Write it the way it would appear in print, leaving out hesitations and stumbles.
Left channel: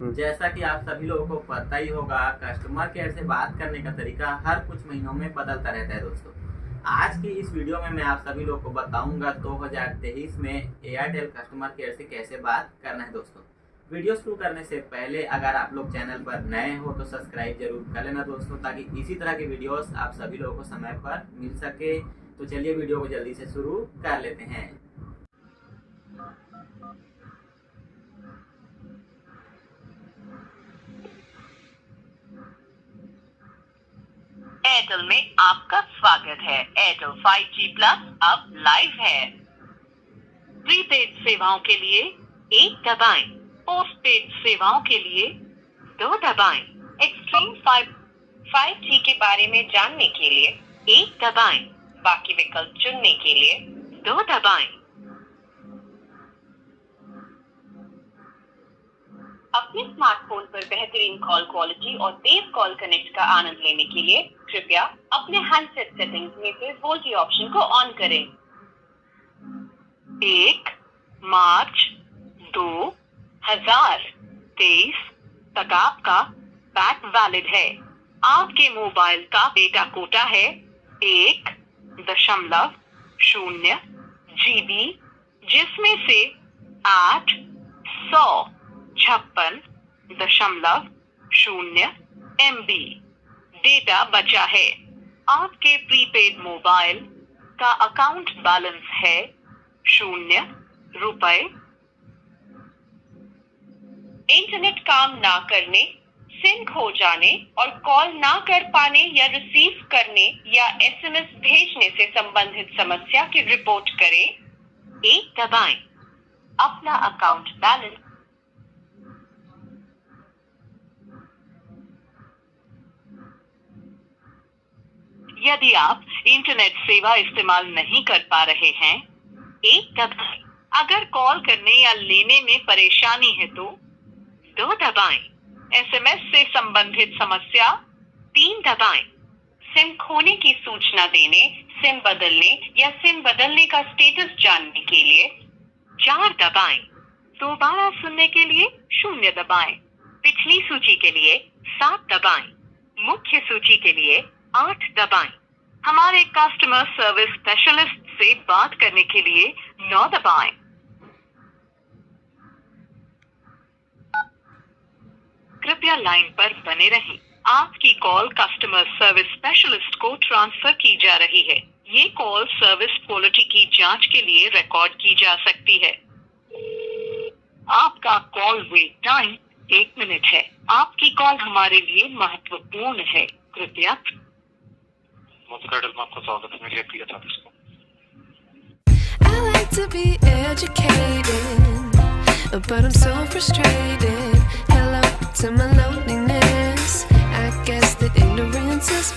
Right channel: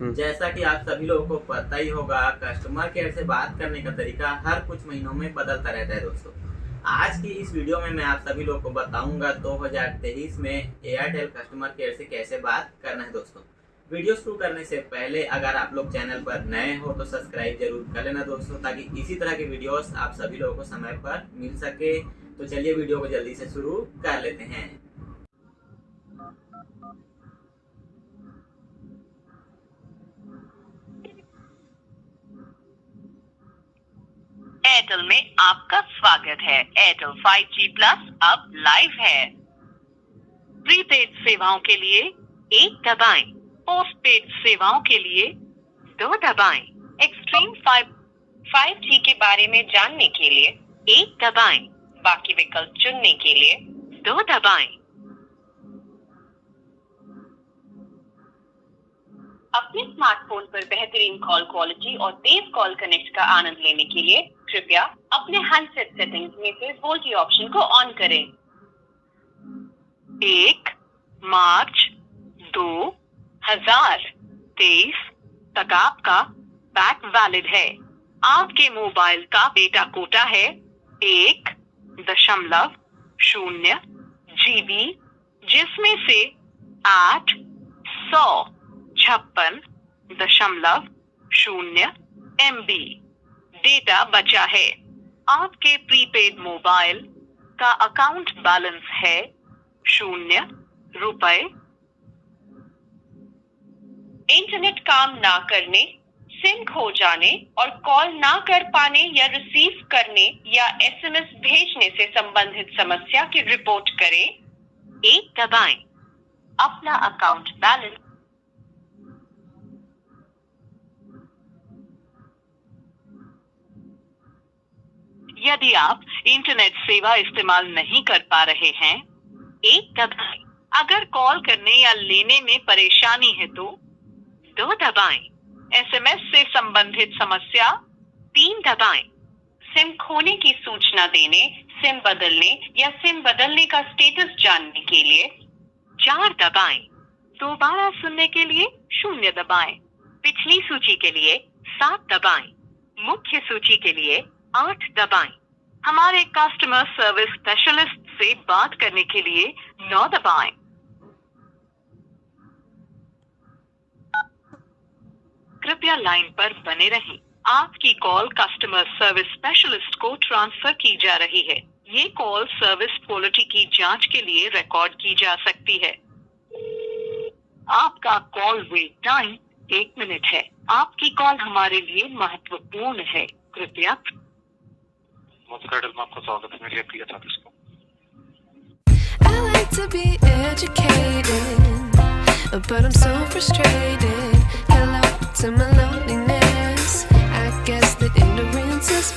जैसा कि आप सभी लोगों को पता ही होगा, कस्टमर केयर से बात करने का तरीका हर कुछ महीनों में बदलता रहता है दोस्तों। आज की इस वीडियो में मैं आप सभी लोगों को बताऊंगा 2023 में एयरटेल कस्टमर केयर से कैसे बात करना है दोस्तों। वीडियो शुरू करने से पहले अगर आप लोग चैनल पर नए हो तो सब्सक्राइब जरूर कर लेना दोस्तों, ताकि इसी तरह के वीडियोस आप सभी लोगों को समय पर मिल सके। तो चलिए वीडियो को जल्दी से शुरू कर लेते हैं। एयरटेल में आपका स्वागत है। एयरटेल 5G प्लस अब लाइव है। प्रीपेड सेवाओं के लिए 1 दबाएं, पोस्टपेड सेवाओं के लिए 2 दबाएं। एक्सट्रीम 5G के बारे में जानने के लिए 1 दबाएं, बाकी विकल्प चुनने के लिए 2 दबाएं। अपने स्मार्टफोन पर बेहतरीन कॉल क्वालिटी और तेज कॉल कनेक्ट का आनंद लेने के लिए कृपया अपने हैंडसेट सेटिंग्स में से वोल्टी ऑप्शन को ऑन करें। 1 मार्च 2023 तक आपका पैक वैलिड है। आपके मोबाइल का डेटा कोटा है 1.0 GB, जिसमें से 856.0 MB डेटा बचा है। आपके प्रीपेड मोबाइल का अकाउंट बैलेंस है 0 रुपए। इंटरनेट काम ना करने, सिम खो जाने और कॉल ना कर पाने या रिसीव करने या SMS भेजने से संबंधित समस्या की रिपोर्ट करें, 1 दबाएं। अपना अकाउंट बैलेंस यदि आप इंटरनेट सेवा इस्तेमाल नहीं कर पा रहे हैं, 1 दबाएं। अगर कॉल करने या लेने में परेशानी है तो 2 दबाएं। SMS से संबंधित समस्या 3 दबाएं। सिम खोने की सूचना देने, सिम बदलने या सिम बदलने का स्टेटस जानने के लिए 4 दबाएं। दोबारा सुनने के लिए 0 दबाएं। पिछली सूची के लिए 7 दबाएं। मुख्य सूची के लिए 8 दबाएं। हमारे कस्टमर सर्विस स्पेशलिस्ट से बात करने के लिए 9 दबाएं। कृपया लाइन पर बने रहें। आपकी कॉल कस्टमर सर्विस स्पेशलिस्ट को ट्रांसफर की जा रही है। ये कॉल सर्विस क्वालिटी की जांच के लिए रिकॉर्ड की जा सकती है। आपका कॉल वेट टाइम 1 मिनट है। आपकी कॉल हमारे लिए महत्वपूर्ण है। कृपया एयरटेल में आपका स्वागत है। मेरी प्रिय था इसको I like to be educated, but I'm so frustrated. Hello to my loneliness. I guess that ignorance is